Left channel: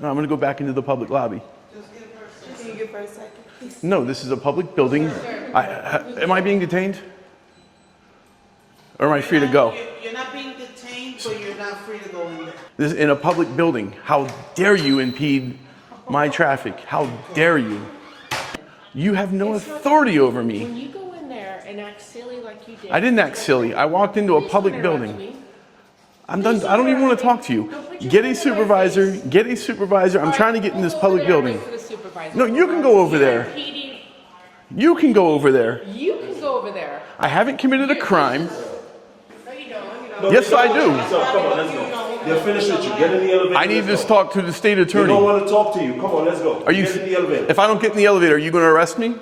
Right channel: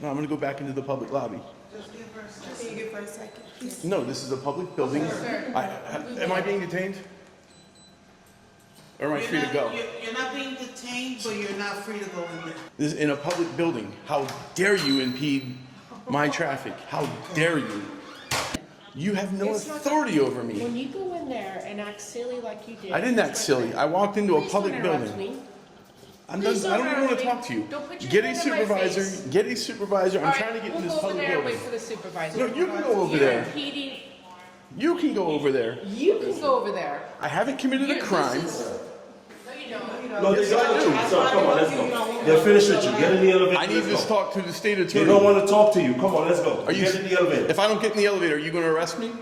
No, I'm going to go back into the public lobby. Can you give her a second, please? No, this is a public building. Am I being detained? Or am I free to go? You're not being detained, but you're not free to go in there. This is in a public building. How dare you impede my traffic? How dare you? You have no authority over me. When you go in there and act silly like you did. I didn't act silly. I walked into a public building. I'm done. I don't even want to talk to you. Get a supervisor. Get a supervisor. I'm trying to get in this public building. No, you can go over there. You can go over there. You can go over there. I haven't committed a crime. No, you don't. Yes, I do. So come on, let's go. They're finished with you. Get in the elevator. I need to talk to the state They attorney. don't want to talk to you. Come on, let's go. Are you? Get in the elevator. If I don't get in the elevator, are you going to arrest me?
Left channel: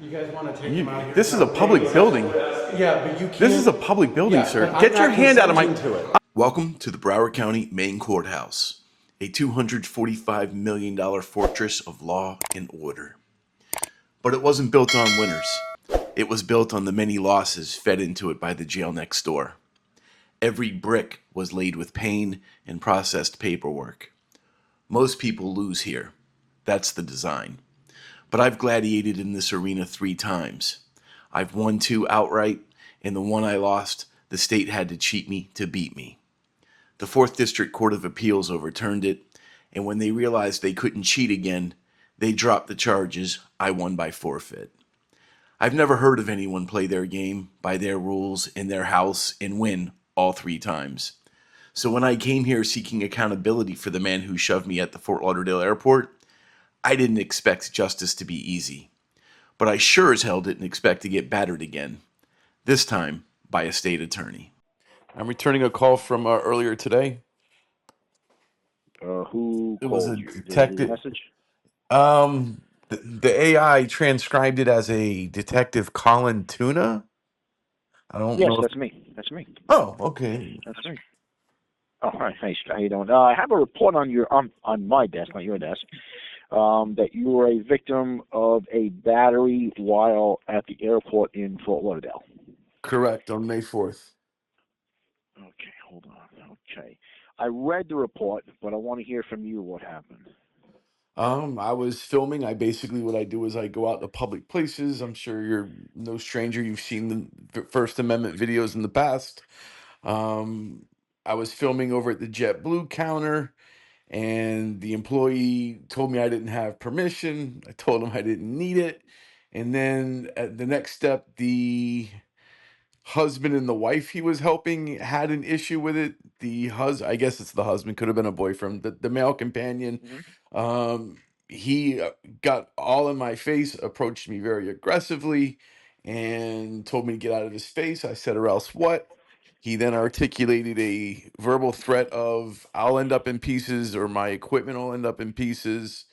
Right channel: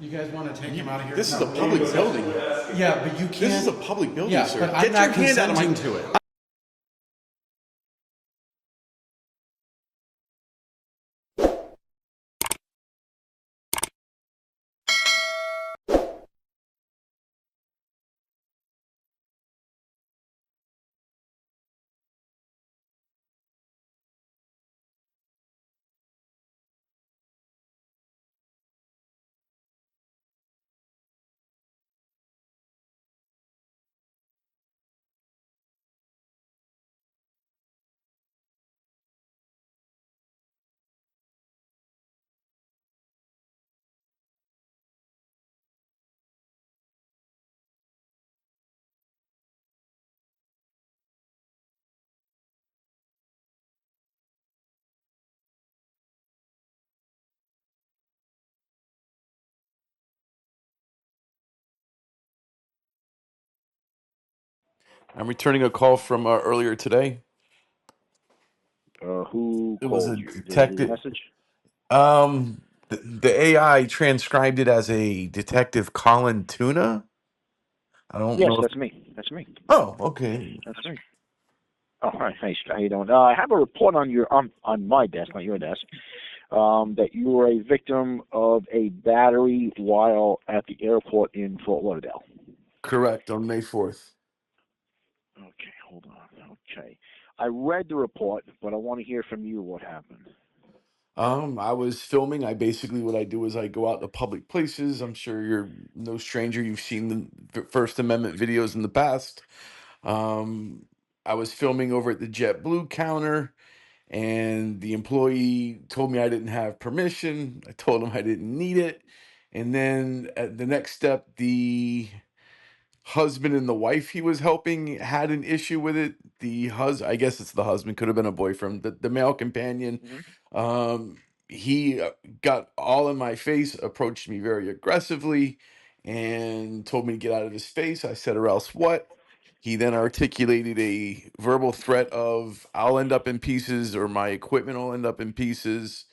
You guys want to take him out of here? This is a public building. Yeah, but you can't. This is a public building, Yeah, sir. but I'm Get your not hand out of my. consenting to it. Welcome to the Broward County Main Courthouse, a $245 million fortress of law and order. But it wasn't built on winners. It was built on the many losses fed into it by the jail next door. Every brick was laid with pain and processed paperwork. Most people lose here. That's the design. But I've gladiated in this arena 3 times. I've won 2 outright, and the one I lost, the state had to cheat me to beat me. The 4th District Court of Appeals overturned it, and when they realized they couldn't cheat again, they dropped the charges. I won by forfeit. I've never heard of anyone play their game by their rules in their house and win all 3 times. So when I came here seeking accountability for the man who shoved me at the Fort Lauderdale airport, I didn't expect justice to be easy. But I sure as hell didn't expect to get battered again. This time by a state attorney. I'm returning a call from earlier today. Who It was called a you? Did you leave detective. a message? The AI transcribed it as a Detective Colin Tuna. I don't Yes, know. that's me. That's me. Oh, okay. That's me. Oh, hi. Hey, how you doing? I have a report on your on my desk, not your desk, that you were a victim of a battery while at the airport in Fort Lauderdale. Correct, on May 4th. Okay, hold on. Okay. I read the report, but I want to hear from you what happened. I was filming. What I do is I go out to public places. I'm sure you're no stranger. You've seen the First Amendment videos in the past. I was filming over at the JetBlue counter, and the employee told me I didn't have permission. I told him I didn't need it. And then at the next step, the husband and the wife he was helping had an issue with it. I guess it's the husband, could have been a boyfriend. The male companion, he got all in my face, approached me very aggressively, and told me to get out of his face. I said, or else what? He then articulated a verbal threat of, I'll end up in pieces or my equipment will end up in pieces.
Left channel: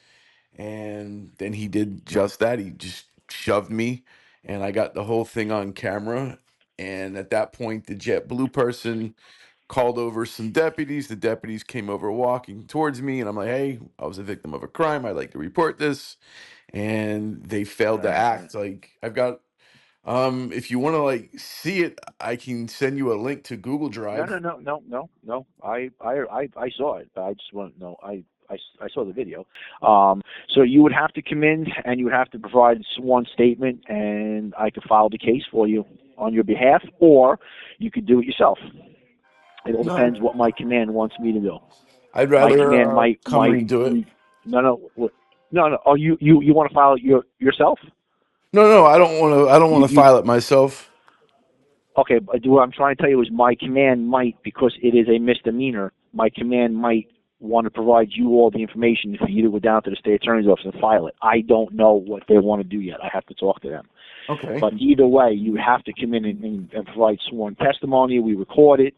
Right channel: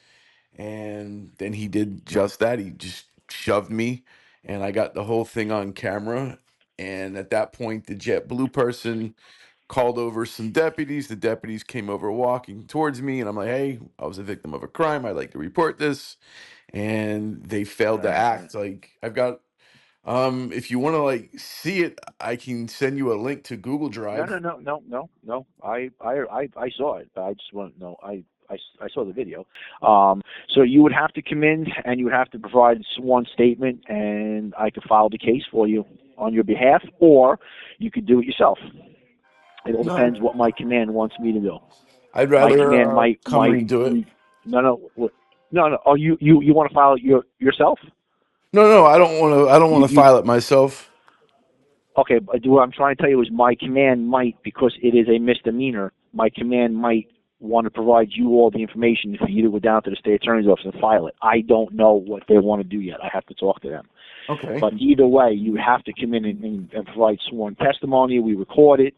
And then he did just that. He just shoved me, and I got the whole thing on camera. And at that point, the JetBlue person called over some deputies. The deputies came over walking towards me, and I'm like, hey, I was a victim of a crime. I'd like to report this. And they failed to act. Like, I've got, if you want to like see it, I can send you a link to Google Drive. No. I saw it. I just want to know. I saw the video. So you would have to come in and you would have to provide one statement, and I could file the case for you on your behalf, or you could do it yourself. It all depends what my command wants me to do. I'd rather my command come and do it. No. Oh, you want to file it yourself? No, I don't want to file it myself. Okay, but what I'm trying to tell you is my command might, because it is a misdemeanor, my command might want to provide you all the information for you to go down to the state attorney's office and file it. I don't know what they want to do yet. I have to talk to them. Okay. But either way, you have to come in and provide sworn testimony. We record it,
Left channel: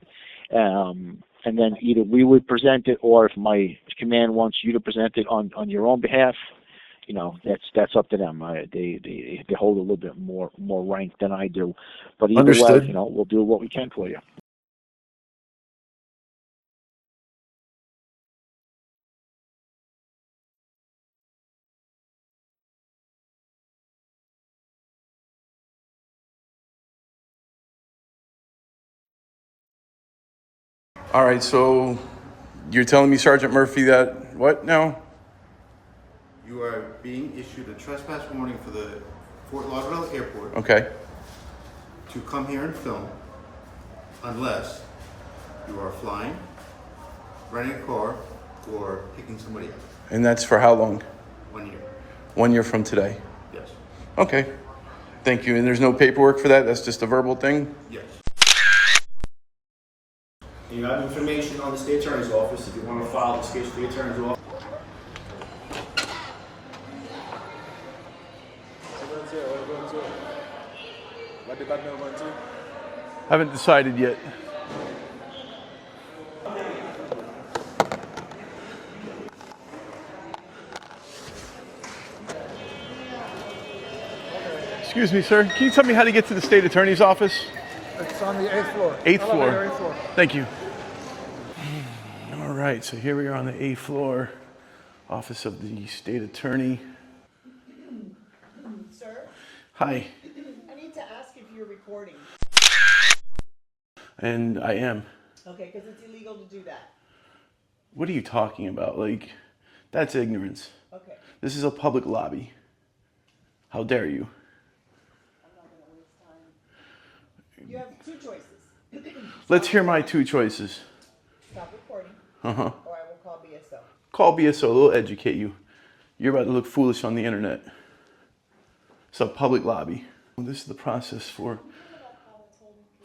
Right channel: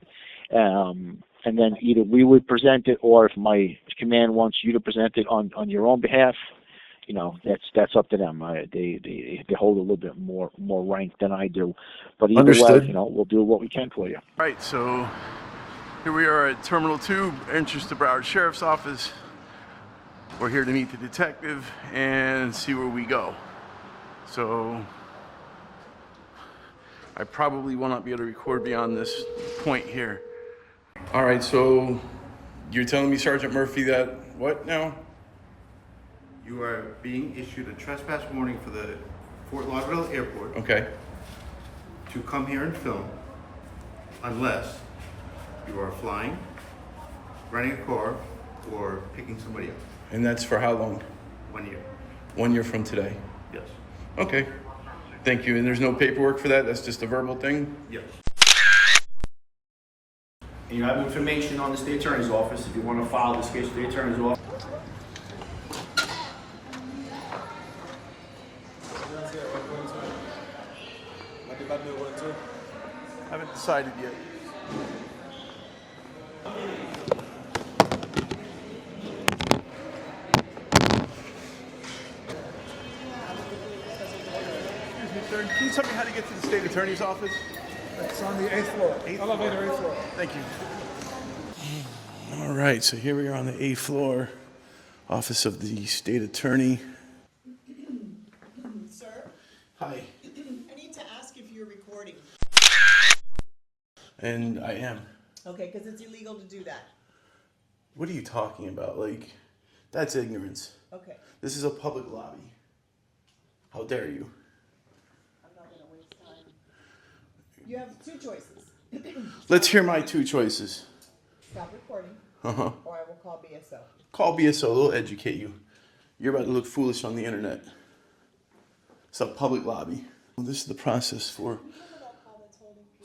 and then either we would present it, or if my command wants you to present it on your own behalf, that's up to them. They hold a little bit more rank than I do. But either Understood. way, we'll do what we can for you. Right, so here we are at Terminal 2, entrance to Broward Sheriff's Office. We're here to meet the detective and see where we go. So I probably will not be able to record beyond this point here. All right, so You're telling me, Sergeant Murphy, that what now? You are being issued a trespass warning for the Fort Lauderdale Airport Okay. to come here and film unless you are flying, renting a car, or picking somebody up. And that's for how long? 1 year. 1 year from today. Yes. Okay. Thank you. And there's no paperwork for that? That's just a verbal thing? Yes. You have information on the state attorney's office if you want to file this case with the attorney's office. Haven't decided yet. Excuse me, sir. Can you tell me how to get to the state attorney's office? It's on the 8th floor. 8th floor. Elevator, 8th floor. Thank you. All right, so here we are on the 8th floor, office of the state attorney. Sir, Hi. I need to ask if you're recording. And I am. Okay, because it's illegal to do that. What are you talking about? Like, that's ignorance. Okay. This is a public lobby. How dare you? I'm not going to waste time. You have two choices. Let's hear my two choices. Stop recording, Uh-huh. or I will call BSO. Call BSO, they'll educate you. You're about to look foolish on the internet. It's a public lobby. This is the process for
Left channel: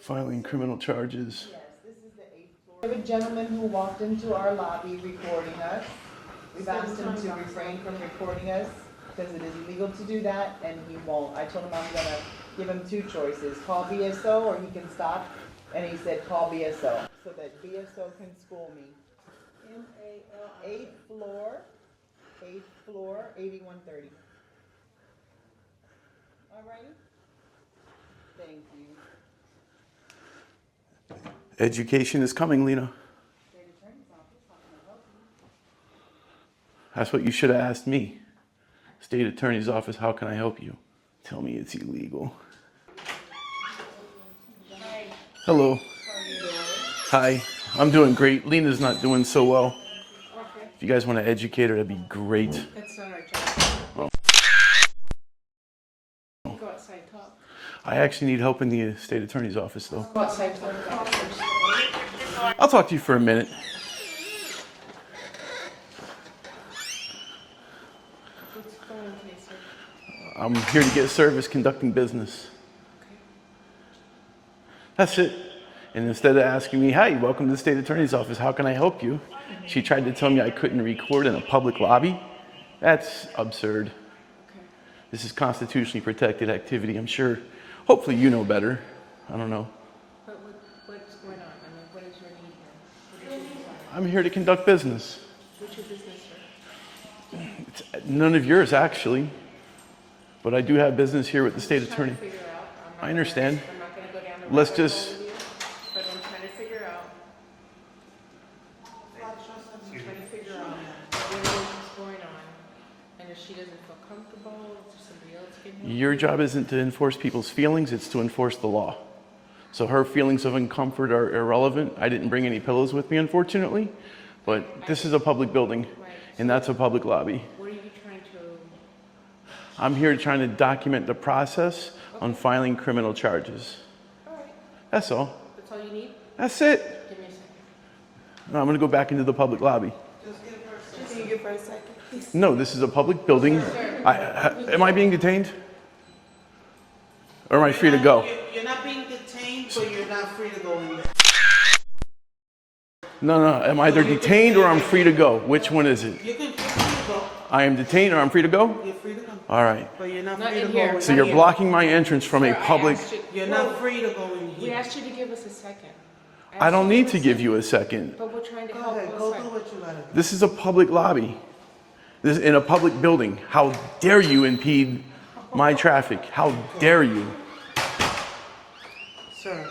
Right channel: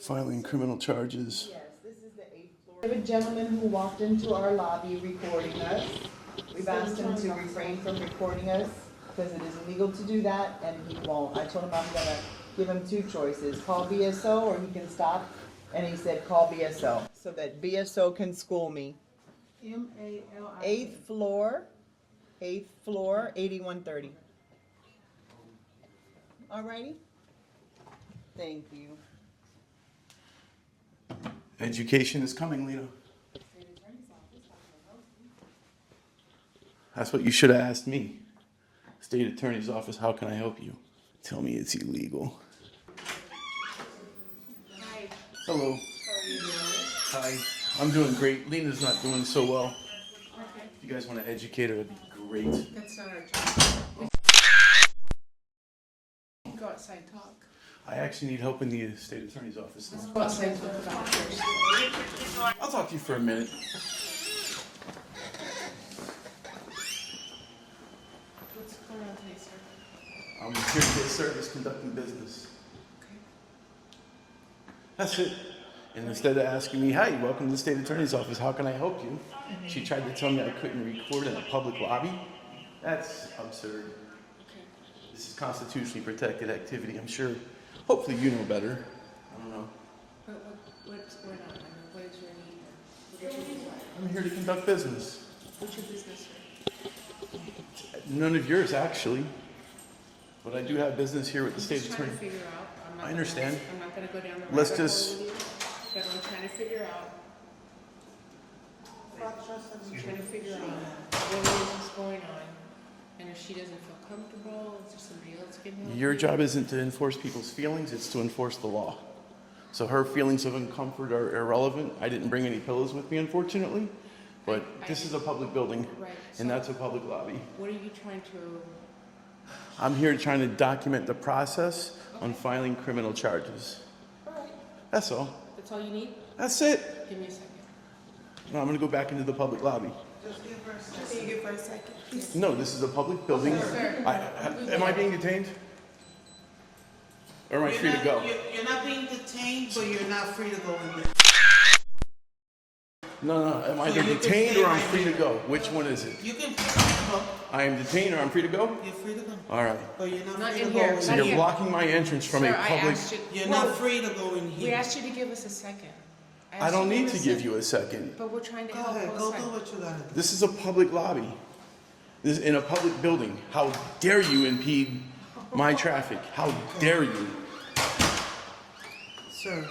filing criminal charges. Yes, this is the 8th floor. We have a gentleman who walked into our lobby recording us. We've asked him to refrain from recording us because it is illegal to do that, and he won't. I told him I'm going to give him two choices. Call BSO or he can stop. And he said, call BSO. So that BSO can school me. M-A-L-I. 8th floor, 8130. Alrighty? Thank you. Education is coming, Lena. That's what you should have asked me. State attorney's office, how can I help you? Tell me it's illegal. Hi. Hello. How are you doing? Hi. I'm doing great. Lena's not doing so well. Okay. If you guys want to educate her, that'd be great. That's not our job. Oh. Go outside and talk. I actually need help in the state attorney's office, though. Go outside and talk. I'll talk to you for a minute. What's going on today, sir? I'm here to get service conducting business. That's it. And instead of asking me, hi, welcome to the state attorney's office, how can I help you? She tried to tell me I couldn't record in a public lobby. That's absurd. This is constitutionally protected activity. I'm sure, hopefully you know better. I don't know. What's going on? I mean, what is your need? What is your need? I'm here to conduct business. What's your business, sir? It's none of yours, actually. But I do have business here with the state I'm trying attorney. to figure out. I understand. I'm not going to go down the Let's rabbit just- hole with you, but I'm trying to figure out. I'm trying to figure out what it is that's going on, and if she doesn't feel comfortable, is there somebody else can help? Your job isn't to enforce people's feelings, it's to enforce the law. So her feelings of uncomfort are irrelevant. I didn't bring any pillows with me, unfortunately, but this is a public building, and that's a public lobby. What are you trying to? I'm here trying to document the process on filing criminal charges. All right, That's all. that's all you need. That's it. Give me a second. No, I'm gonna go back into the public lobby. Can you give her a second? No, this is a public building. Am I being detained? Or am I free to go? You're not being detained, but you're not free to go in there. No, I'm either detained or I'm free to go. Which one is it? You can free to go. I am detained or I'm free to go? You're free to go. All right. But you're not Not free in to here. go in So Not you're here. blocking my entrance from a Sir, I public... asked you- You're not free to go in We here. asked you to give us a second. I don't need to give you a second. But we're trying to Go help. ahead, us go out. do what you gotta do. This is a public lobby. This is in a public building. How dare you impede my traffic? How dare you? Sir,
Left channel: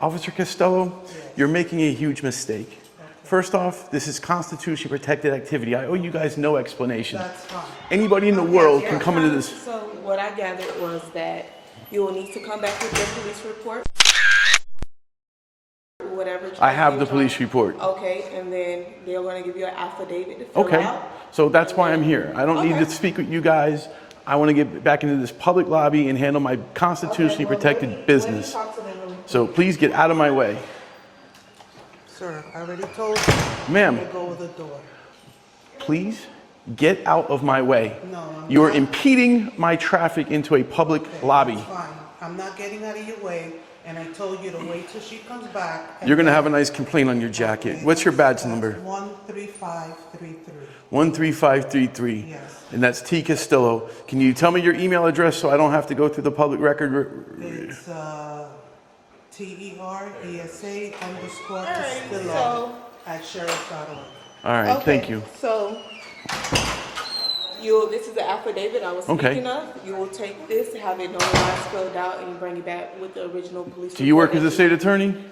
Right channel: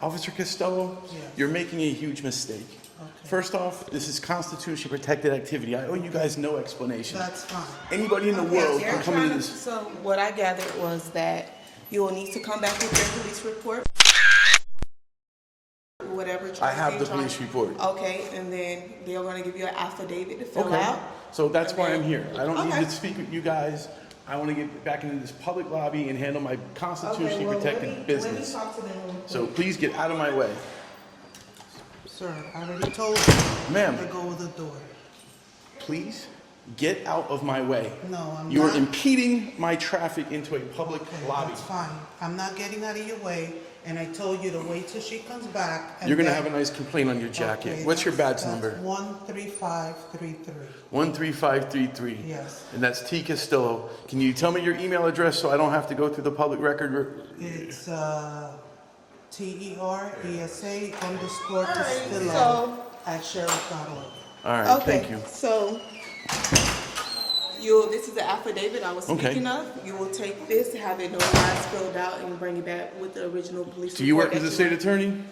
Officer Costello, you're making a huge mistake. First off, this is constitutionally protected activity. I owe you guys no explanation. that's fine. Anybody in the world can come into this. So what I gathered was that you will need to come back with your police report whatever. I have the they police try- report. Okay, and then they're gonna give you an affidavit to fill Okay, out. so that's why I'm here. I don't need Okay. to speak with you guys. I want to get back into this public lobby and handle my constitutionally Okay, well, protected let me business. talk to them really So quick. please get out of my way. Sir, I already told you. Ma'am. To go with the door. Please get out of my way. No, I'm You're not. impeding my traffic into a public lobby. That's fine. I'm not getting out of your way, and I told you to wait till she comes back. and You're going to then- have a nice complaint on your jacket. Okay, What's your badge that's number? 13533. 13533. Yes. And that's T. Castillo. Can you tell me your email address so I don't have to go through the public record? It's TERESA_Castillo at sheriff.org. All right, Okay, thank you. So, this is the affidavit I was Okay. speaking of. You will take this, have it notarized, filled out, and bring it back with the original police. Do you work as report. a state attorney?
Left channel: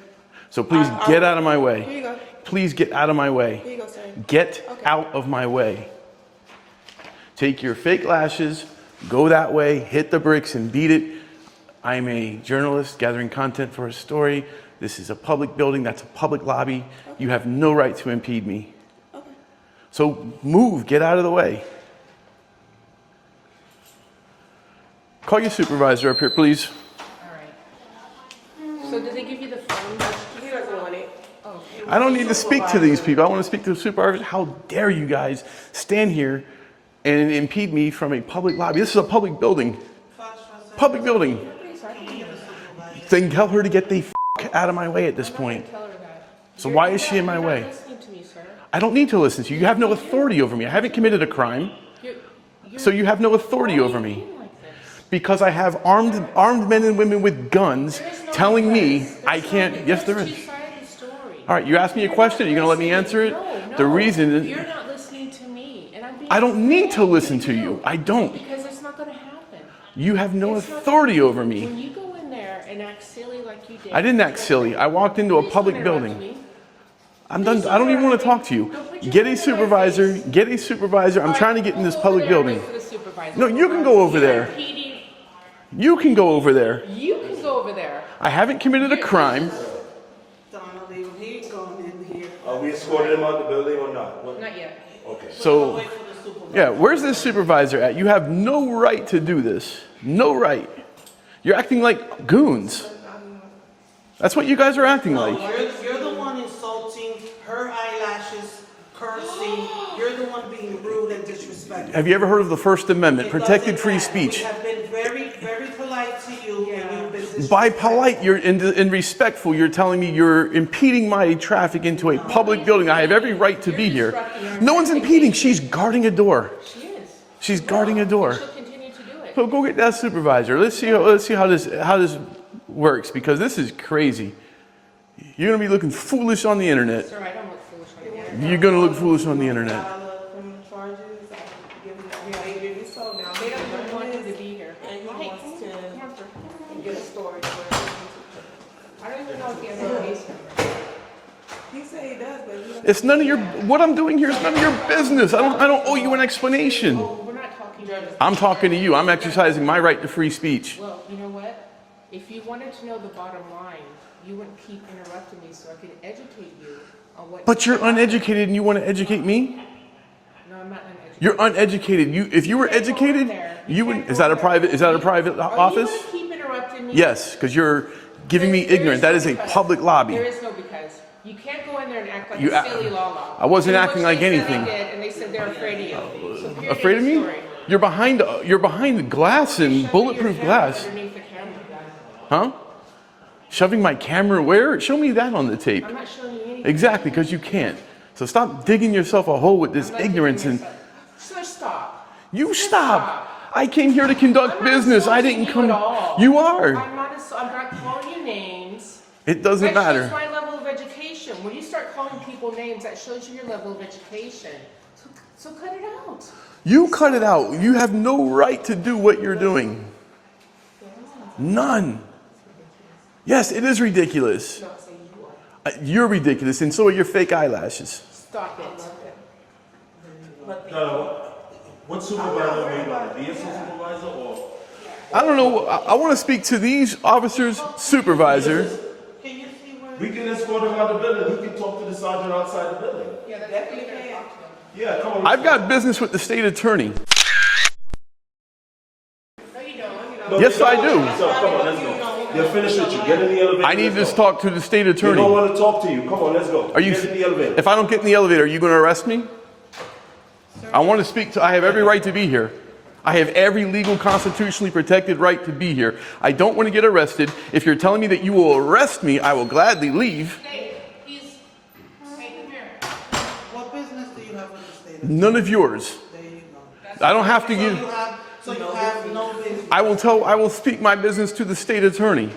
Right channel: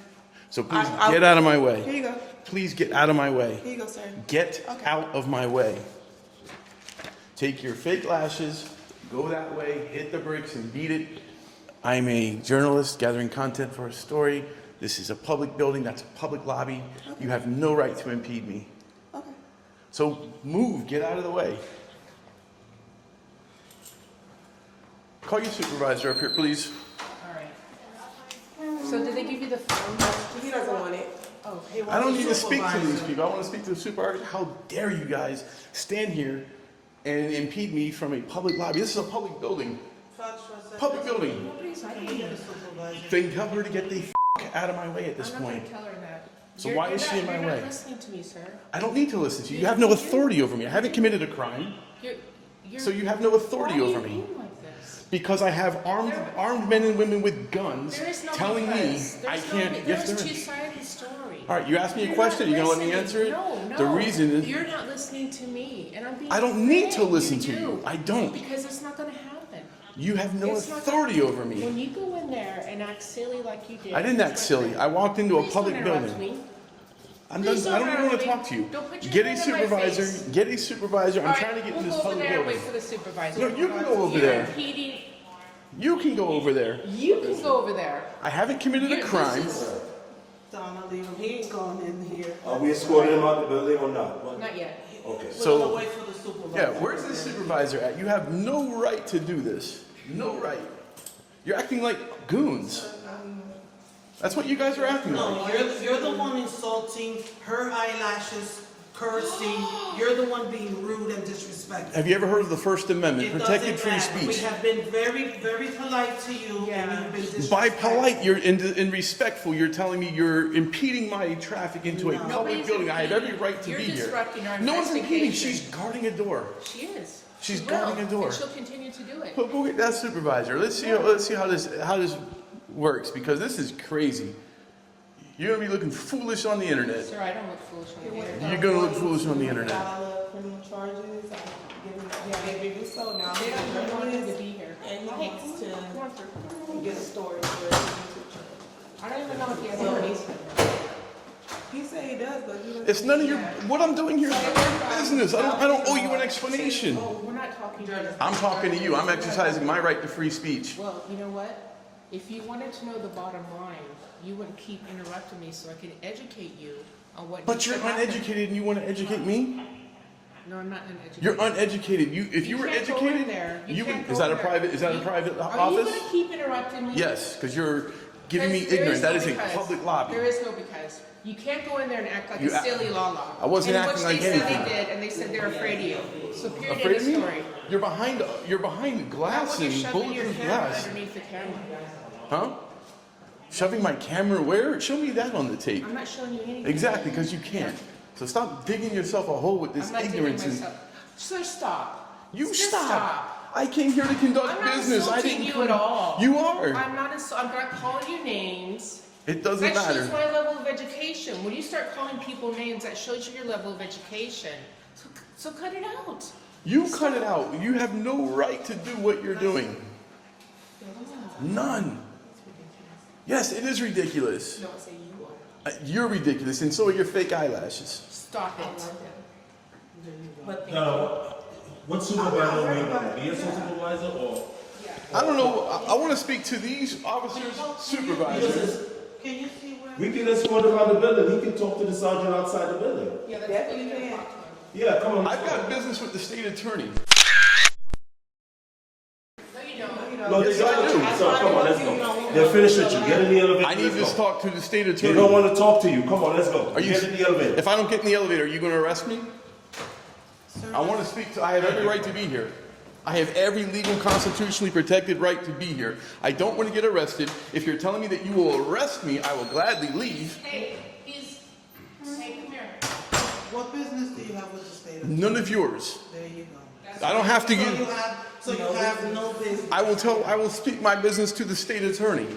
So please I- get out of my Here way. you go. Please get out of my way. Here you go, sir. Get Okay. out of my way. Take your fake lashes, go that way, hit the bricks and beat it. I'm a journalist gathering content for a story. This is a public building, that's a public lobby. You have no right to impede me. Okay. So move, get out of the way. Call your supervisor up here, please. All right. So did they give you the phone? He doesn't want it. Oh, I don't need to speak to these people. I want to speak to the supervisor. How dare you guys stand here and impede me from a public lobby? This is a public building. Public building. Then tell her to get the out of my way at this point. tell her that. So why is she in my You're way? not listening to me, sir. I don't need to listen to you. You have no authority over me. I haven't committed a crime. So you have no authority over me. Because I have armed men and women with guns telling me I can't. Yes, there is. All right, you asked me a question. Are you going to let me answer it? The reason is You're not listening to me, and I'm being. I don't need to listen to you. I don't. Because it's not going to happen. You have no It's not- authority over me. When you go in there and act silly like you did. I didn't act silly. I walked into a Please public don't interrupt building. me. I'm done. I don't even want to talk to you. Get a supervisor. Get a supervisor. I'm trying to get in this public building. No, you can go over there. You can go over there. You can go over there. I haven't committed a crime. Donna, leave him. He ain't going in here. Are we escorting him out the building or not? Not yet. Okay. So, Wait for the supervisor. yeah, where's this supervisor at? You have no right to do this. No right. You're acting like goons. That's what you guys are acting like. You're the one insulting her eyelashes, cursing. You're the one being rude and disrespectful. Have you ever heard of the First Amendment? It Protected doesn't free matter. speech. We have been very, very polite to you, and you've been disrespectful. By polite, you're in respectful. You're telling me you're impeding my traffic into a public building. I have every right to be here. No one's impeding. She's guarding a door. She is. She's guarding a door. She'll continue to do it. So go get that supervisor. Let's see how this works, because this is crazy. You're gonna be looking foolish on the internet. Sir, I don't look foolish on the internet. You're gonna look foolish on the internet. Criminal charges, I'm giving behavior to so now. They don't even want him to be here. And he Mike, wants come on, sir. to get a story for I don't even know if he has a case number. He said he does, but he doesn't. It's none of your. What I'm doing here is none of your business. I don't owe you an explanation. We're not talking about I'm talking to you. I'm exercising my right to free speech. Well, you know what? If you wanted to know the bottom line, you wouldn't keep interrupting me so I could educate you on what. But you're uneducated and you want to educate me? No, I'm not uneducated. You're uneducated. If you were can't go educated, in there. you would. Is that a private Are you office? going to keep interrupting me? Yes, because you're giving me There ignorance. is That no is a because. public lobby. There is no because. You can't go in there and act like You a act- silly la-la. I wasn't In acting which like they said anything. They did, and they said they're afraid of you. So period, Afraid of end me? story. You're behind the glass and Shoving your bulletproof camera glass. underneath the camera. Huh? Shoving my camera where? Show me that on the tape. I'm not showing you anything. Exactly, because you can't. So stop digging yourself a hole with this I'm not ignorance doing and myself. So stop. you Just stop. I came here to conduct I'm not business. I insulting didn't you come. at all. You are. I'm not calling you names. It doesn't That shows matter. my level of education. When you start calling people names, that shows you your level of education. So cut it out. You cut it out. You have no right to do what you're doing. None. Yes, it is ridiculous. No, say you are. You're ridiculous, and so are your fake eyelashes. Stop it. No. What supervisor are we going to be? A supervisor or? I don't know. I want to speak to these officers' supervisor. Can you see where We can escort him out of the building. He can talk to the sergeant outside the building. Yeah, that's Definitely what you can. talk to them. Yeah, come on. I've got business with the state attorney. No, you don't. No, Yes, they I got do. you. So, come on, let's go. They're finished with you. Get in the elevator. I need let's to go. talk to the state They attorney. don't want to talk to you. Come on, let's go. Are you? Get in the elevator. If I don't get in the elevator, are you going to arrest me? I want to speak to. I have every right to be here. I have every legal, constitutionally protected right to be here. I don't want to get arrested. If you're telling me that you will arrest me, I will gladly leave. Hey, hey, come here. What business do you have with the state? None of yours. There you go. I don't have to So give. you have no business. I will speak my business to the state attorney,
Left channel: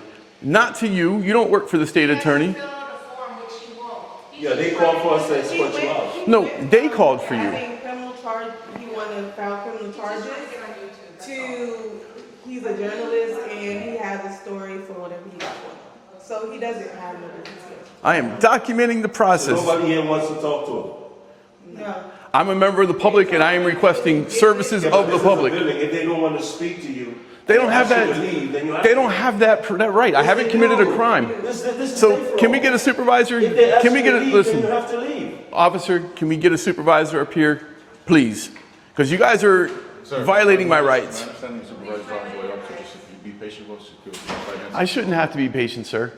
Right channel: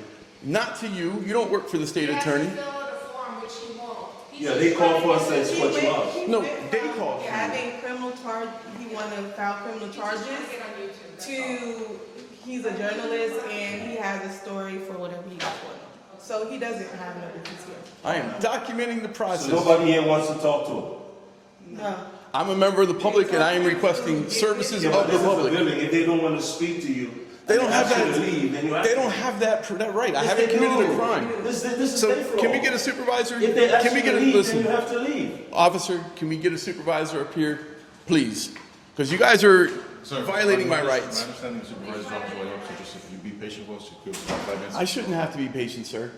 not to you. You don't work for the state attorney. Fill out a form, which he won't. Yeah, they called for us to escort you out. No, they called for you. Having criminal charge, he wanted to file criminal charges he's a journalist and he has a story for whatever he got going on. So he doesn't have no business here. I am documenting the So process. nobody here wants to talk to him. No. I'm a member of the public and I am requesting services of the This is a public. building. If they don't want to speak to you, They don't have ask you that. to leave, then you have They to don't leave. have that right. I Yes, haven't they committed a do. crime. This is So their can we fault. get a supervisor? If they ask Can we you get to a leave, listen, then you have to leave. officer? Can we get a supervisor up here, please? Because you guys are violating my rights. My understanding is supervisor officer, so just if you be patient with us, just give us 5 minutes. I shouldn't have to be patient, sir.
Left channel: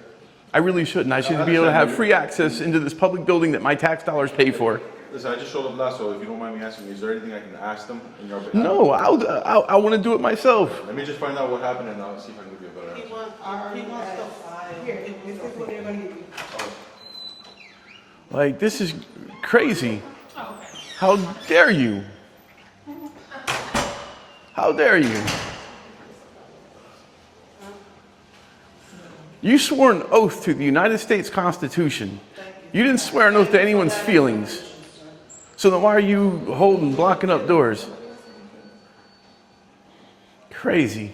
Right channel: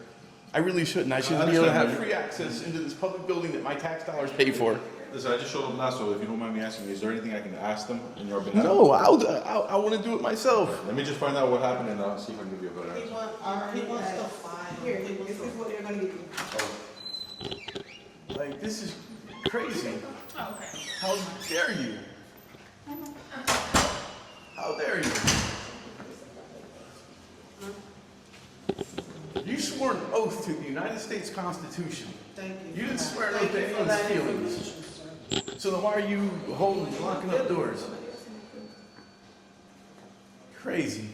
I really shouldn't. I should be able to have free access into this public building that my tax dollars pay for. Listen, I just showed up last, so if you don't mind me asking, is there anything I can ask them in your behalf? No, I want to do it myself. Let me just find out what happened and I'll see if I can give you a better answer. He wants to file. Here, this is what they're gonna give you. Like, this is crazy. How dare you? How dare you? You swore an oath to the United States Constitution. You didn't swear an oath to anyone's feelings. So then why are you blocking up doors? Crazy.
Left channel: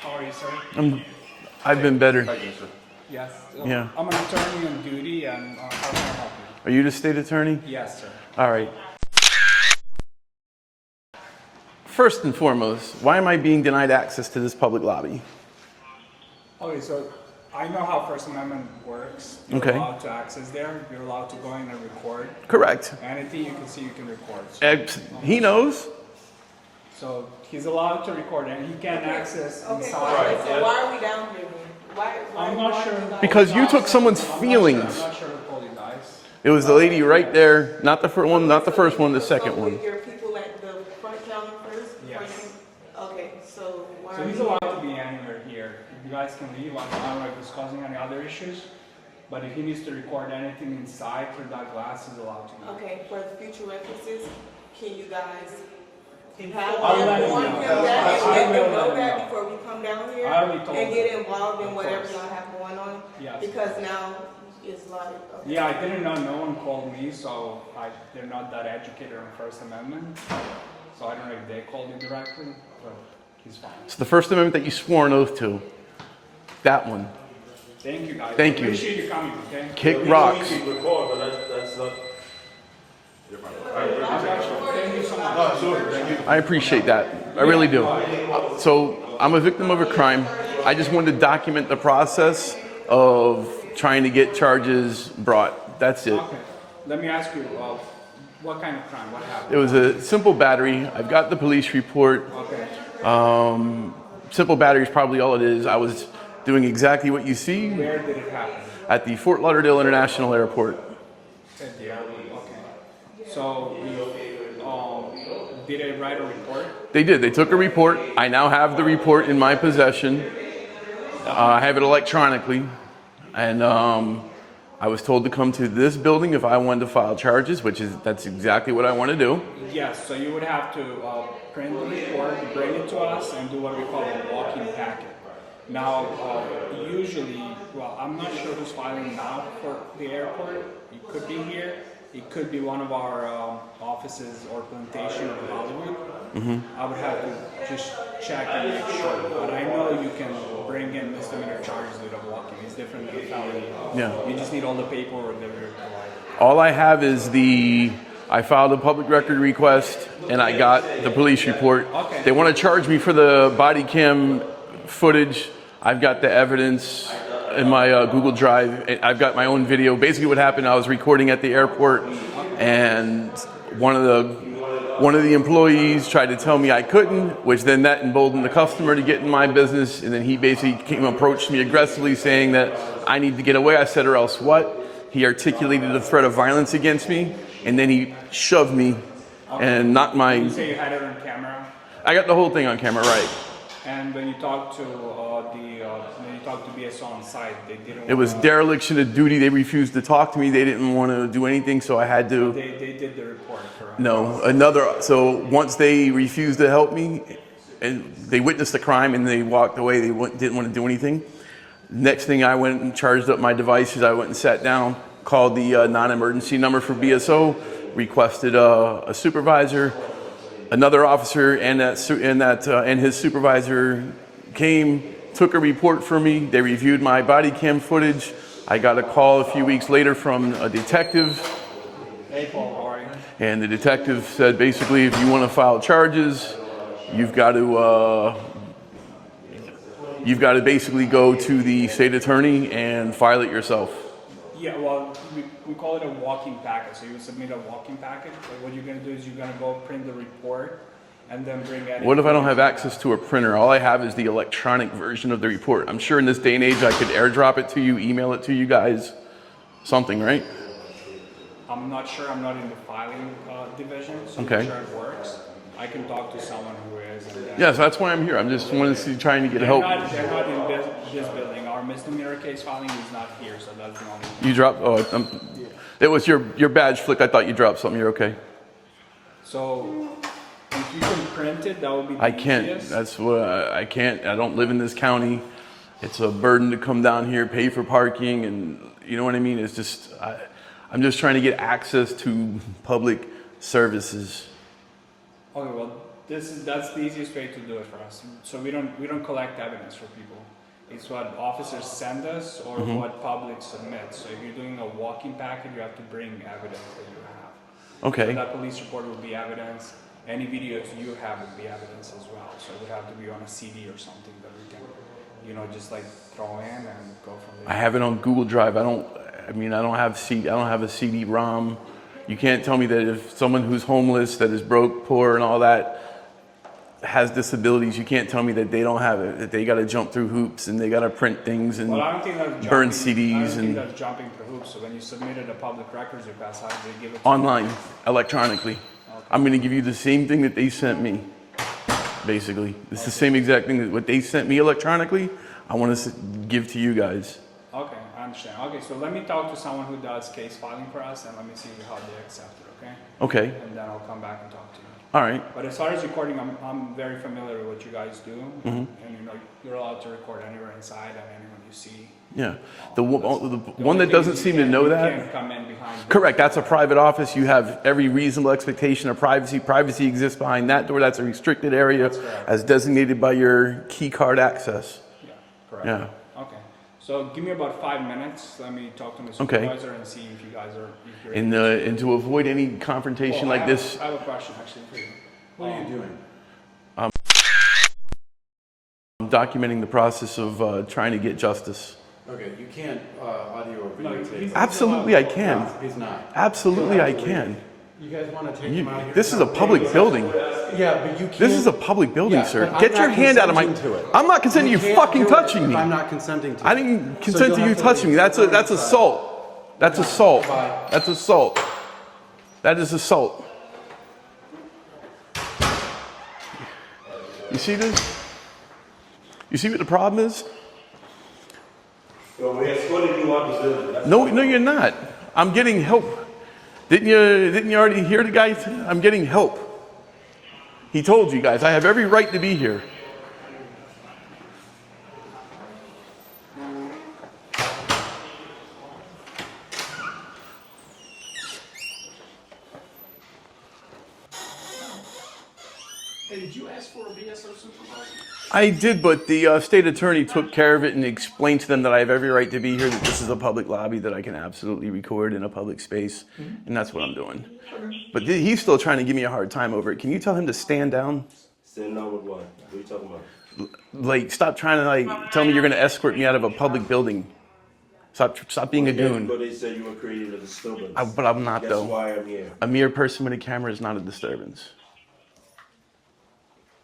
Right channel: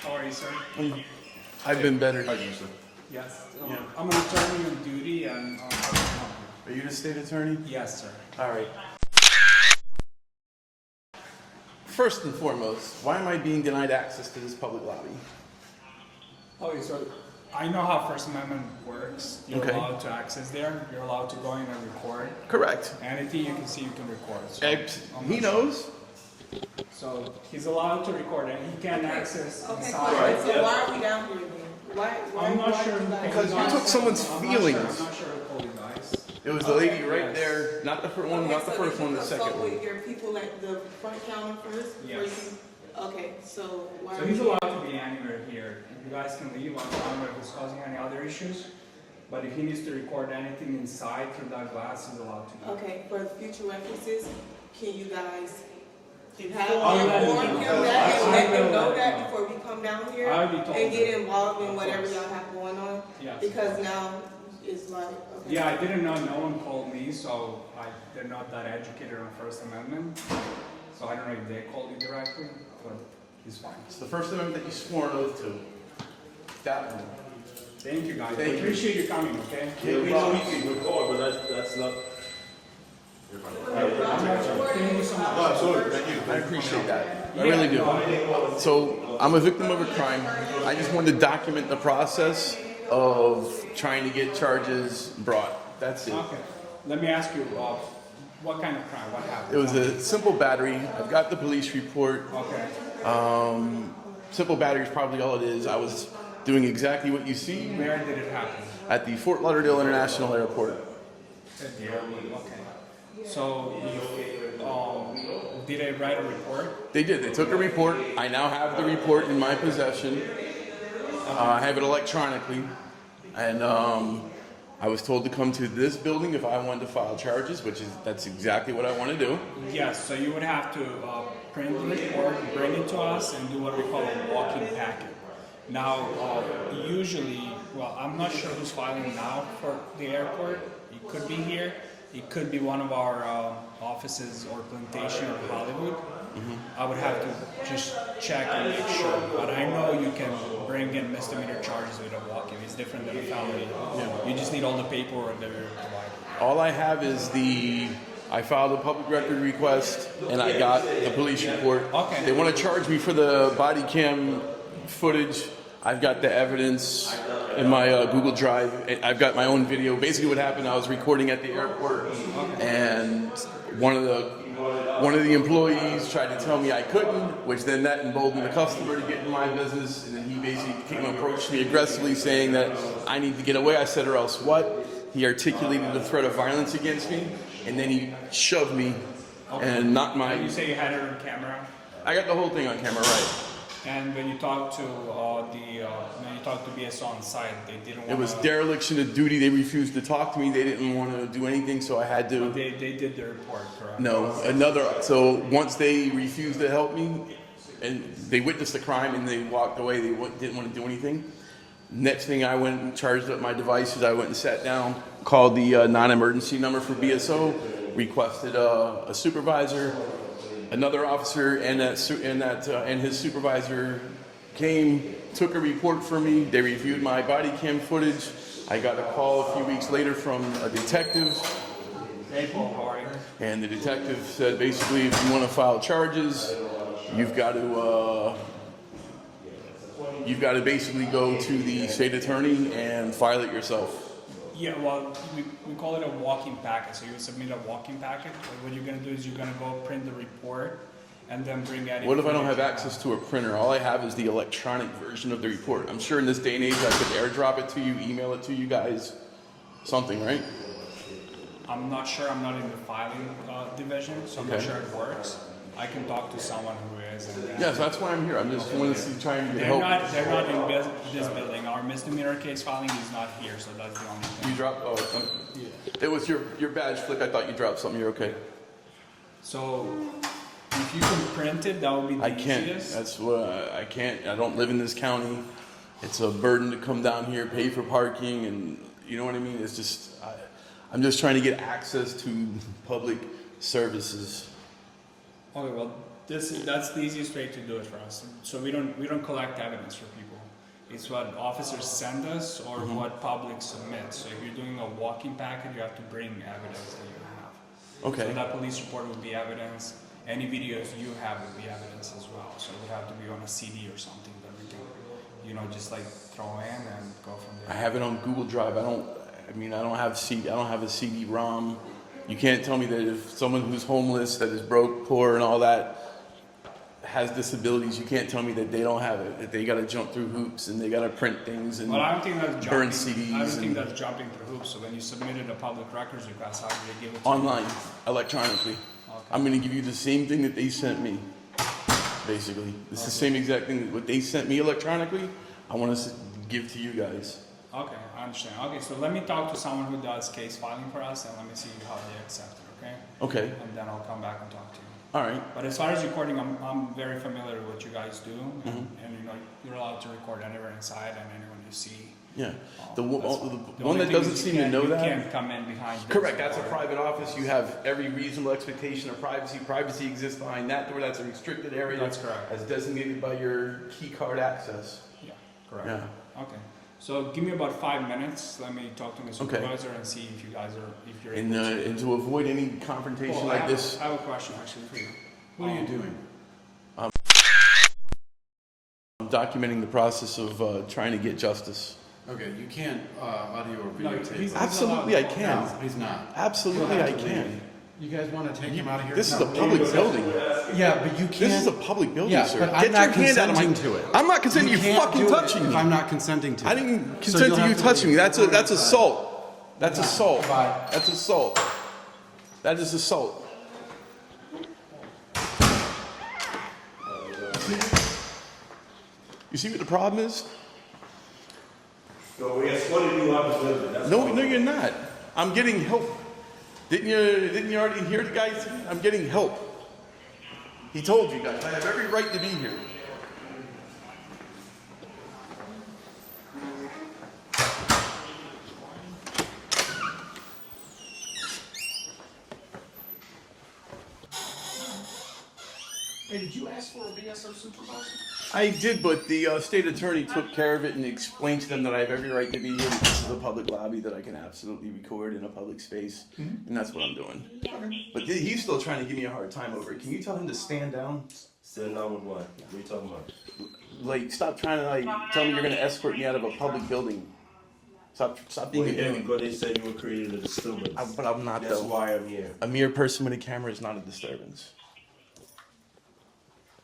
How are you, sir? I've been better. Yes. Yeah. I'm an attorney on duty and how can I help Are you the state attorney? you? Yes, sir. All right. First and foremost, why am I being denied access to this public lobby? Okay, so I know how First Amendment works. You're Okay. allowed to access there. You're allowed to go in and record. Correct. Anything you can see, you can record. So, He knows. so he's allowed to record and he can access Okay, inside. so why are we down here then? Why I'm not why sure. you guys- Because you took someone's feelings. I'm not sure who called you guys. It was the lady right there, not the first one, not the first one, the second So one. with your people at the front counter first? Yes. Okay, so why So are he's you? allowed to be anywhere here. You guys can leave. I'm not discussing any other issues. But if he needs to record anything inside through that glass, he's allowed to. Okay, for future references, can you guys I'll have let him inform know. him that and let I will him know let him that know. before we come down here? I already told And get him. involved in Of whatever course. y'all have going on? Yes. Because now it's like, okay. Yeah, I didn't know. No one called me, so they're not that educated on First Amendment. So I don't know if they called you directly, but he's fine. It's the First Amendment that you swore an oath to. That one. Thank you, guys. Thank you. Appreciate you coming. Okay. Kick We rocks. can record, but that's not. Thank you so much. I appreciate that. I really do. So I'm a victim of a crime. I just wanted to document the process of trying to get charges brought. That's it. Okay. Let me ask you, what kind of crime? What happened? It was a simple battery. I've got the police report. Okay. Simple battery is probably all it is. I was doing exactly what you see Where did it happen? at the Fort Lauderdale International Airport. At the airport. Okay. So, did they write a report? They did. They took a report. I now have the report in my possession. I have it electronically. And I was told to come to this building if I wanted to file charges, that's exactly what I want to do. Yes, so you would have to print the report, bring it to us, and do what we call a walk-in packet. Now, usually, well, I'm not sure who's filing now for the airport. It could be here. It could be one of our offices or plantation or Hollywood. I would have to just check and make sure. But I know you can bring in misdemeanor charges with a walk-in. It's different than a felony. Yeah. You just need all the paperwork that are required. All I have is I filed a public record request and I got the police report. They want to charge me for the body cam footage. I've got the evidence in my Google Drive. I've got my own video. Basically what happened, I was recording at the airport, and one of the employees tried to tell me I couldn't, which then that emboldened the customer to get in my business, and then he basically approached me aggressively saying that I need to get away. I said, or else what? He articulated a threat of violence against me, and then he shoved me and knocked my... You say you had it on camera? I got the whole thing on camera, right. And when you talked to BSO on site, they didn't. It was dereliction of duty. They refused to talk to me. They didn't want to do anything, so I had to. They did the report, correct? No, so once they refused to help me, and they witnessed the crime and they walked away, they didn't want to do anything. Next thing, I went and charged up my devices. I went and sat down, called the non-emergency number for BSO, requested a supervisor. Another officer and his supervisor came, took a report for me. They reviewed my body cam footage. I got a call a few weeks later from a detective. And the detective said, basically, if you want to file charges, you've got to basically go to the state attorney and file it yourself. Yeah, well, we call it a walking packet. So you submit a walking packet. What you're going to do is you're going to go print the report and then bring that in. What if I don't have access to a printer? All I have is the electronic version of the report. I'm sure in this day and age I could airdrop it to you, email it to you guys, something, right? I'm not sure. I'm not in the filing division, so okay. I'm sure it works. I can talk to someone who is. Yes, that's why I'm here. I'm just wanting to see, trying to get help. They're not in this building. Our misdemeanor case filing is not here, so that's the only. You dropped. It was your badge flick. I thought you dropped something. You're okay. So if you can print it, that would be. I can't. Easiest. That's what I can't. I don't live in this county. It's a burden to come down here, pay for parking, and you know what I mean. It's just I'm just trying to get access to public services. Okay, well, that's the easiest way to do it for us. So we don't collect evidence for people. It's what officers send us or what public submits. So if you're doing a walking packet, you have to bring evidence that you have. Okay. So that police report would be evidence. Any videos you have would be evidence as well. So it would have to be on a CD or something that we can, just like throw in and go from there. I have it on Google Drive. I don't have a CD-ROM. You can't tell me that if someone who's homeless, that is broke, poor, and all that, has disabilities, you can't tell me that they don't have it, that they got to jump through hoops and they got to print things and burn CDs. I don't think that's jumping through hoops. So when you submitted a public records request, how do they give it to online, you? electronically. Okay. I'm going to give you the same thing that they sent me, basically. It's the same exact thing that what they sent me electronically, I want to give to you guys. Okay, I understand. Okay, so let me talk to someone who does case filing for us and let me see how they accept it, okay? Okay. And then I'll come back and talk to you. All right. But as far as recording, I'm very familiar with what you guys do, and you're allowed to record anywhere inside and anyone you see. Yeah, the one that doesn't seem to know that. Can't come in behind. Correct. That's a private office. You have every reasonable expectation of privacy. Privacy exists behind that door. That's a restricted area, as designated by your key card access. Yeah. Correct. Yeah. Okay. So give me about 5 minutes. Let me talk to the supervisor and see if you guys are. If you're and to avoid any confrontation like this. I have a question actually for you. What are you doing? I'm documenting the process of trying to get justice. Okay, you can't audio or videotape. Absolutely, I can. No, he's not. Absolutely, I can. You guys want to take him out of here? This is a public building. Yeah, but you can't. This is a public building, sir. But Get your hand out of my. I'm not consenting to you fucking touching me. I'm not consenting to it. I didn't consent to you touching me. That's assault. That's assault. That's assault. That is assault. You see this? You see what the problem is? So we escorted you out the building. No, you're not. I'm getting help. Didn't you already hear the guy? I'm getting help. He told you guys I have every right to be here. Hey, did you ask for a BSO supervisor? I did, but the state attorney took care of it and explained to them that I have every right to be here, that this is a public lobby, that I can absolutely record in a public space, and that's what I'm doing. But he's still trying to give me a hard time over it. Can you tell him to stand down? Stand down with what? What are you talking about? Like, stop trying to like tell me you're gonna escort me out of a public building. Stop being a goon. But they said you were creating a disturbance. But I'm not That's though. why I'm here. A mere person with a camera is not a disturbance.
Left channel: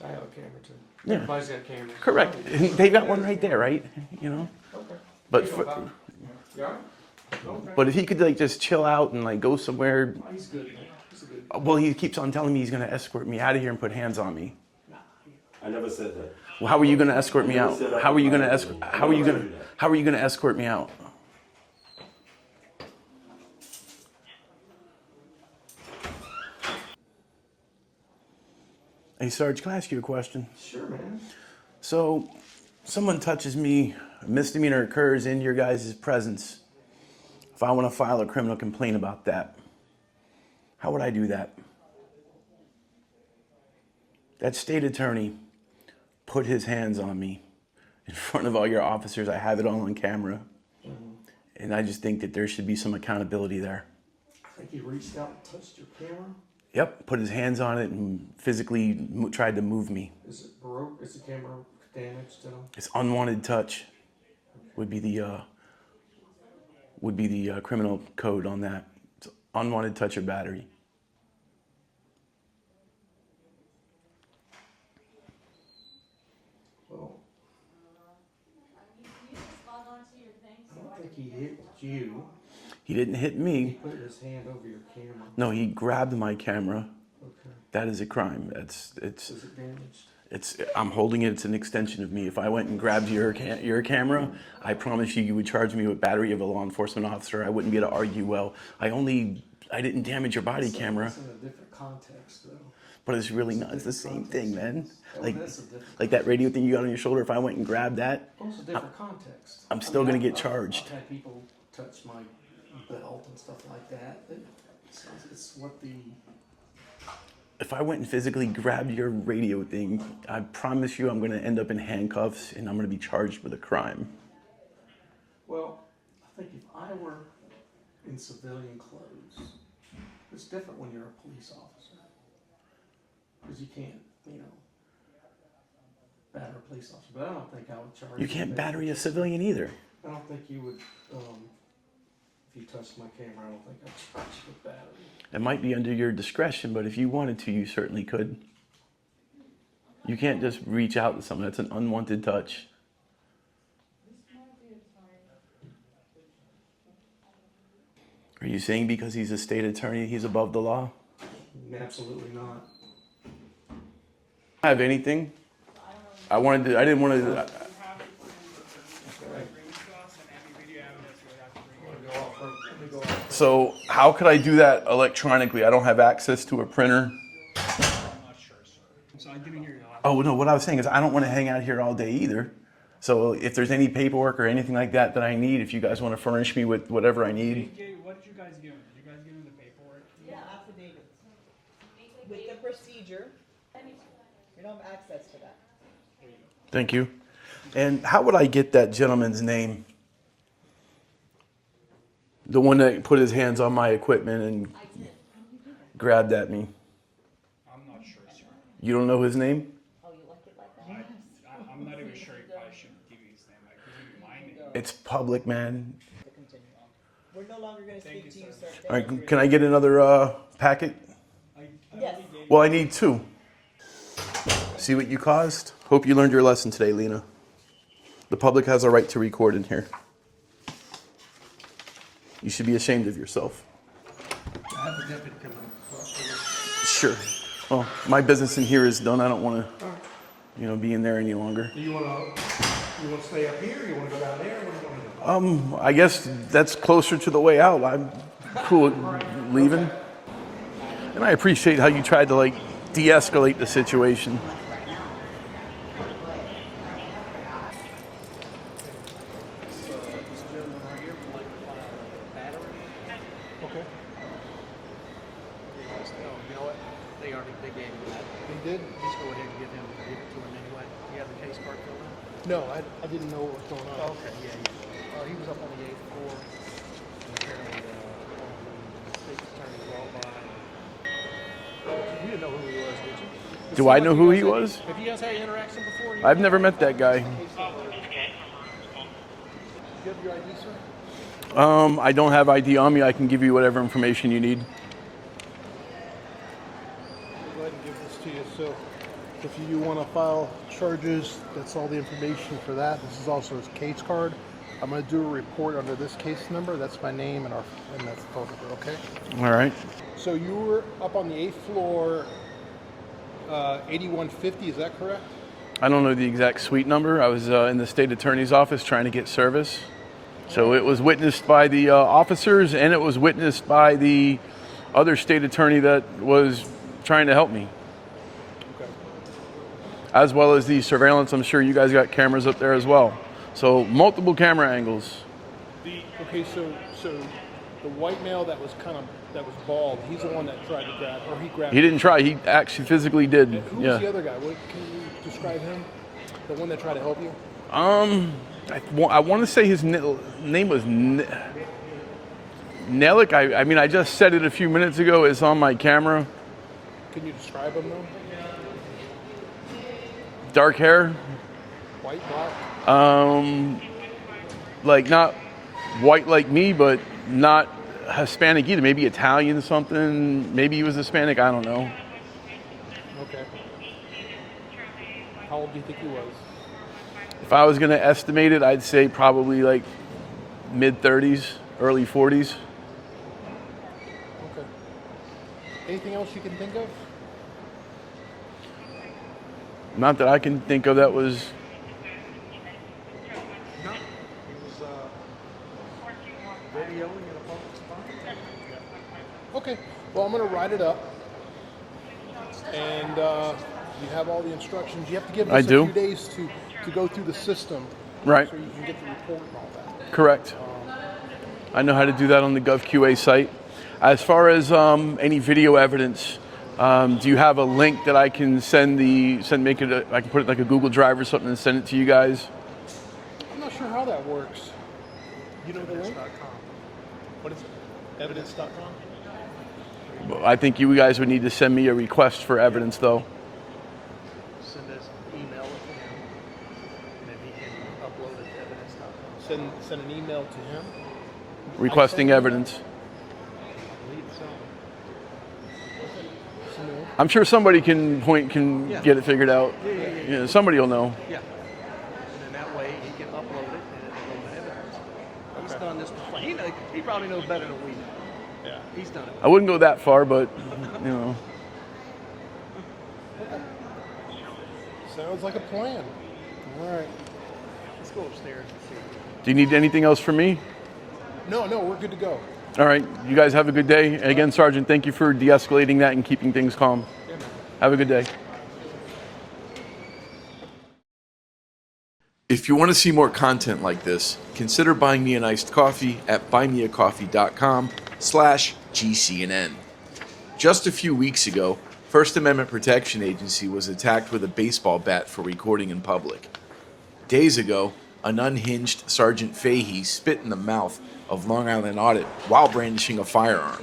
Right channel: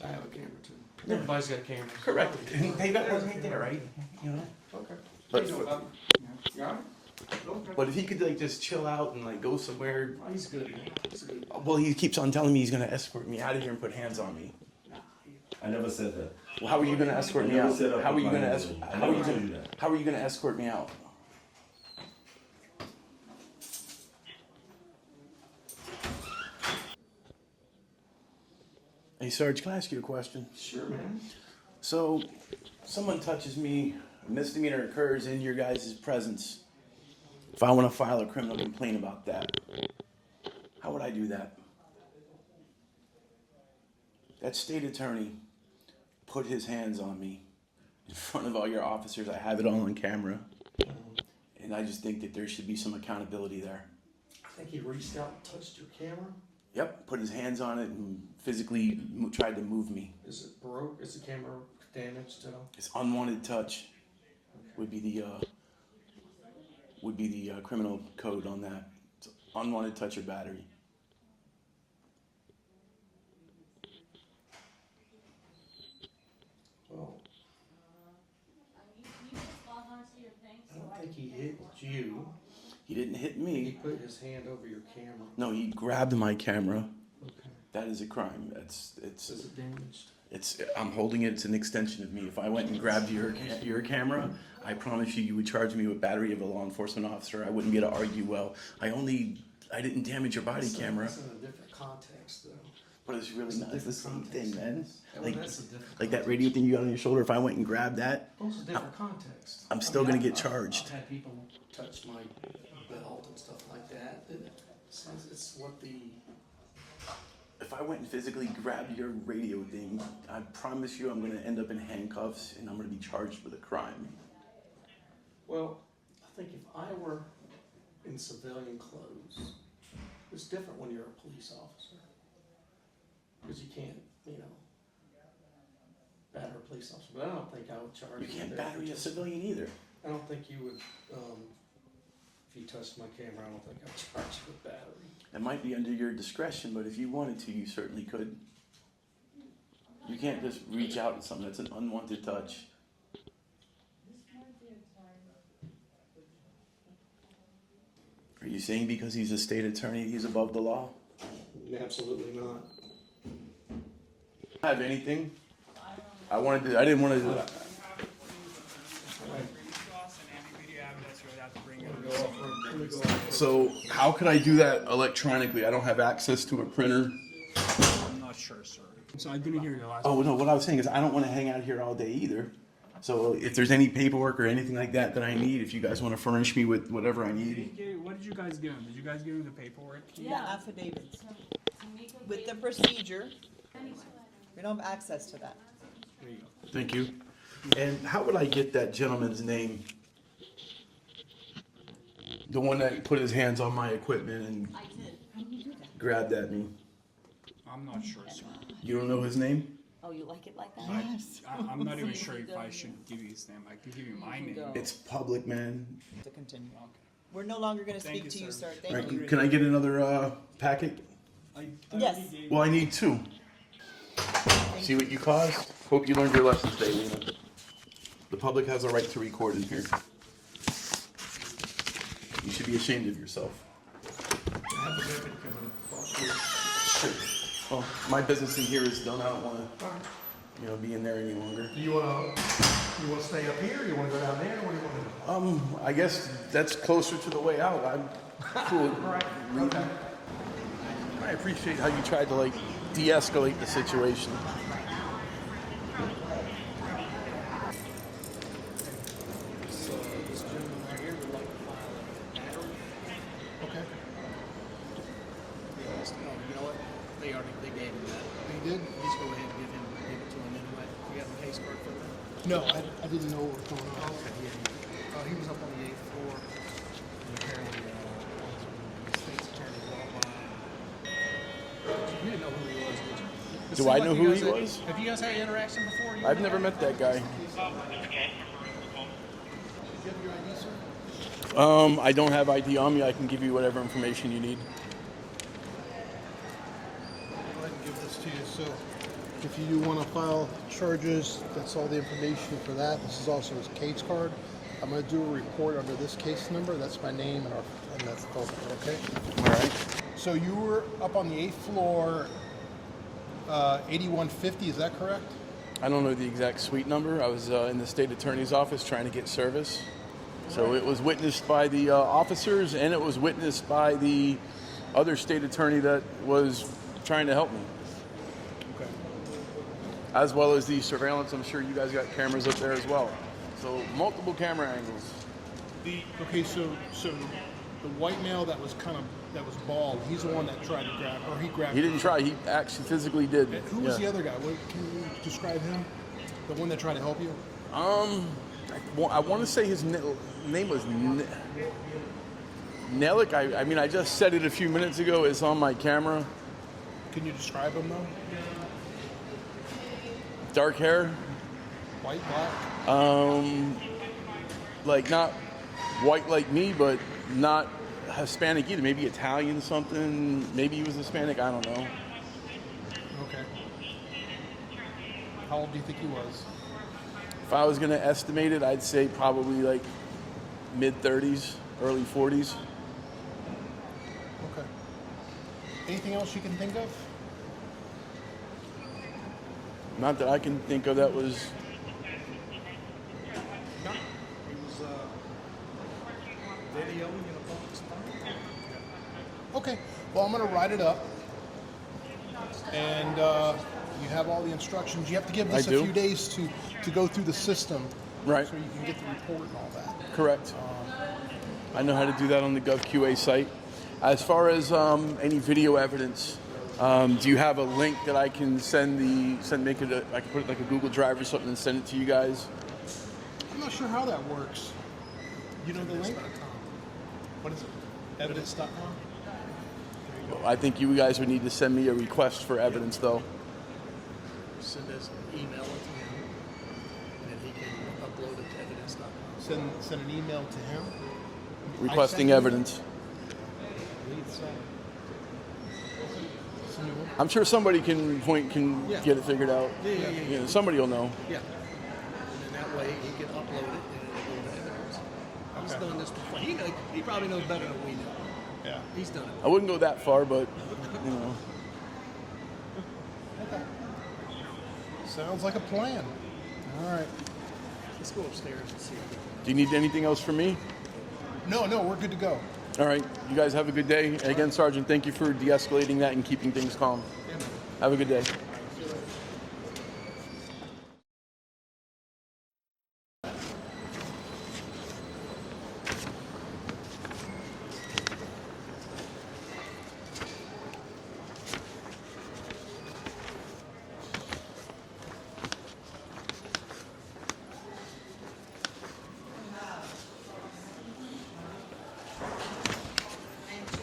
I have a camera too. Yeah. Everybody's got cameras. Correct. They got one right there, right? You know. Okay. But but if he could like just chill out and like go somewhere. He's good. He's good. Well, he keeps on telling me he's gonna escort me out of here and put hands on me. I never said that. Well, how are you gonna escort me out? How are you gonna escort? I How are you never gonna? told you that. How are you gonna escort me out? Hey, Sarge, can I ask you a question? Sure, man. So, someone touches me, a misdemeanor occurs in your guys' presence. If I want to file a criminal complaint about that, how would I do that? That state attorney put his hands on me in front of all your officers. I have it all on camera. And I just think that there should be some accountability there. I think he reached out and touched your camera. Yep, put his hands on it and physically tried to move me. Is it broke? Is the camera damaged at all? It's unwanted touch would be the criminal code on that. It's unwanted touch or battery. Well, I don't think he hit you. He didn't hit He me. put his hand over your camera. No, he grabbed my camera. Okay. That is a crime. Is it damaged? I'm holding it. It's an extension of me. If I went and grabbed your camera, I promise you would charge me with battery of a law enforcement officer. I wouldn't be able to argue well. I didn't damage your body camera. It's in a different context, though. But it's really not. It's the same thing, man. Well, that's a different Like that radio thing you got on your shoulder. If I went and grabbed that, Well, it's a different context. I'm still gonna get I've charged. had people touch my belt and stuff like that. It's what the... If I went and physically grabbed your radio thing, I promise you I'm gonna end up in handcuffs and I'm gonna be charged with a crime. Well, I think if I were in civilian clothes, it's different when you're a police officer. Because you can't, batter a police officer. But I don't think I would charge You can't battery a civilian either. I don't think you would, if you touched my camera, I don't think I'd charge you with battery. It might be under your discretion, but if you wanted to, you certainly could. You can't just reach out to someone. That's an unwanted touch. Are you saying because he's a state attorney, he's above the law? Absolutely not. I have anything. I didn't want to. So how could I do that electronically? I don't have access to a printer. I'm not sure, sir. So I didn't hear the last. Oh no, what I was saying is I don't want to hang out here all day either. So if there's any paperwork or anything like that I need, if you guys want to furnish me with whatever I need. What did you guys give him? Did you guys give him the paperwork? Yeah, affidavits. With the procedure, we don't have access to that. Thank you. And how would I get that gentleman's name? The one that put his hands on my equipment and grabbed at me. I'm not sure, sir. You don't know his name? Oh, you like it like that? Yes. I'm not even sure if I should give you his name. I can give you my name. It's public, man. To continue. We're no longer going to speak to you, sir. All right, can I get another packet? Yes. Well, I need 2. See what you caused? Hope you learned your lesson today, Lena. The public has a right to record in here. You should be ashamed of yourself. I have a deputy coming up. Sure. Well, my business in here is done. I don't want to, be in there any longer. Do you want to stay up here? You want to go down there? What do you want to do? I guess that's closer to the way out. I'm cool with leaving. And I appreciate how you tried to de-escalate the situation. No, I didn't know what was going on. Okay, yeah. He was up on the 8th floor. State's attorney. You didn't know who he was, did you? Do I know who he was? Have you guys had interaction before? I've never met that guy. Do you have your ID, sir? I don't have ID on me. I can give you whatever information you need. Go ahead and give this to you. So if you do want to file charges, that's all the information for that. This is also his case card. I'm going to do a report under this case number. That's my name and that's the phone number, okay? All right. So you were up on the 8th floor, 8150, is that correct? I don't know the exact suite number. I was in the state attorney's office trying to get service. So it was witnessed by the officers, and it was witnessed by the other state attorney that was trying to help me. Okay. As well as the surveillance. I'm sure you guys got cameras up there as well. So multiple camera angles. Okay, so the white male that was bald, he's the one that tried to grab, or he grabbed. He didn't try. He actually physically did. Who was the other guy? Can you describe him? The one that tried to help you? I want to say his name was Nelik. I mean, I just said it a few minutes ago. It's on my camera. Can you describe him though? Dark hair. White, black? Like not white like me, but not Hispanic either. Maybe Italian something. Maybe he was Hispanic. I don't know. Okay. How old do you think he was? If I was going to estimate it, I'd say probably like mid-30s, early 40s. Okay. Anything else you can think of? Not that I can think of that was... No. It was videoing in a public spot. Yeah. Okay. Well, I'm going to write it up. And you have all the instructions. You have to give us a few days to go through the system. Right. So you can get the report and all that. Correct. I know how to do that on the GovQA site. As far as any video evidence, do you have a link that I can I can put it like a Google Drive or something and send it to you guys? I'm not sure how that works. You know the link? What is it? Evidence.com? I think you guys would need to send me a request for evidence, though. Send us an email to him, and then he can upload it to evidence.com. Send an email to him? Requesting evidence. I'm sure somebody can get it figured out. Yeah, somebody will know. Yeah. And then that way he can upload it and it'll go to evidence. He's done this before. He probably knows better than we know. Yeah. He's done it. I wouldn't go that far, but you know. Sounds like a plan. All right. Let's go upstairs and see. Do you need anything else from me? No, we're good to go. All right. You guys have a good day. And again, Sergeant, thank you for de-escalating that and keeping things calm. Yeah, man. Have a good day. If you want to see more content like this, consider buying me an iced coffee at buymeacoffee.com/GCNN. Just a few weeks ago, First Amendment Protection Agency was attacked with a baseball bat for recording in public. Days ago, an unhinged Sergeant Fahey spit in the mouth of Long Island Audit while brandishing a firearm.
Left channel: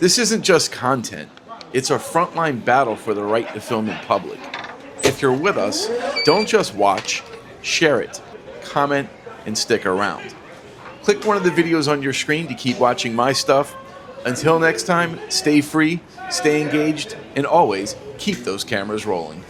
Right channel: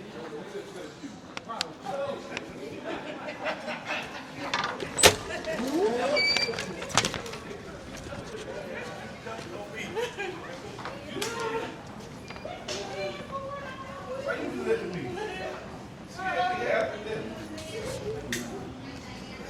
This isn't just content, it's a frontline battle for the right to film in public. If you're with us, don't just watch, share it, comment, and stick around. Click one of the videos on your screen to keep watching my stuff. Until next time, stay free, stay engaged, and always keep those cameras rolling.